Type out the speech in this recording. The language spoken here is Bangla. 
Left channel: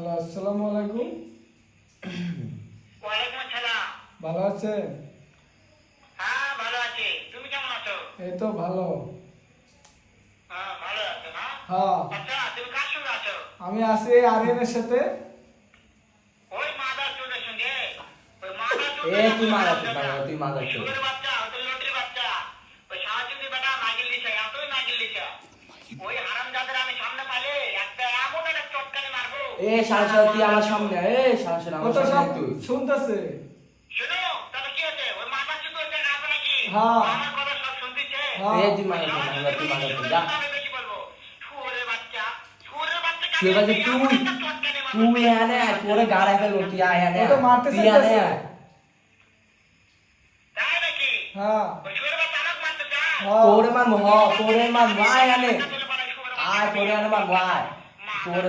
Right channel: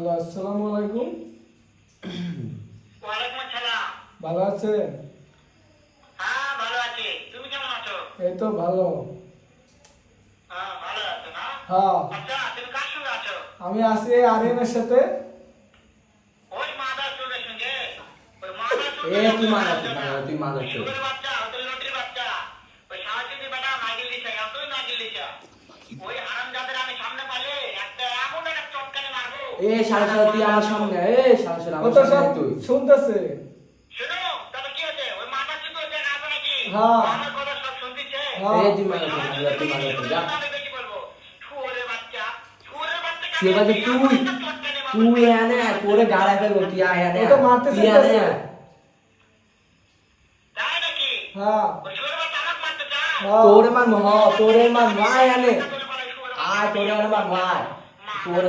হ্যালো, আসসালামু আলাইকুম। ওয়ালাইকুম আসসালাম। ভালো আছে? হ্যাঁ ভালো আছি, তুমি কেমন আছো? এই তো ভালো। হ্যাঁ ভালো আছো না? হ্যাঁ, আচ্ছা তুমি কার সঙ্গে আছো? আমি আছি আরিয়ানের সাথে। ওই মাদার চোরের সঙ্গে। ওই মাদার চোর তুই মাদার চোদ না, তুই মাদার চোদ। সুরের বাচ্চা, ওই তো লটির বাচ্চা। ওই সাহায্যে বেটা নাগিল দিছে, এতই নাগিল দিছে। ওই হারামজাদের আমি সামনে পাইলে একটা এমন একটা চটকানি মারবো। সারা তুই আমার সামনে, সারা ও আমার তো সব সামনে তুই। শুনতেছে। শোনো, তবে কি আছে? ওই মাদার চোদ ওই জায়গায় আছে নাকি? হ্যাঁ। আমার কথা সব শুনতিছে? হ্যাঁ। তুই মাদার চোদ না, তুই মাদার চোদ যা। আমি বেশি বলবো। সুরের বাচ্চা, সুরের বাচ্চা তুই বাজে তুই, তুই এনে তোরে গাড়া ফেলবো, তুই আয় এনে। ও তো মারতে তুই চাইতেছে। এনে। তাই নাকি? হ্যাঁ, ওই সুরের বাচ্চা আমাকে মারতে চায়? হ্যাঁ। তোরে মারবো, তোরে মারবো, আয় এনে। আয় তোরে এনে মারবো, আয়। তোরে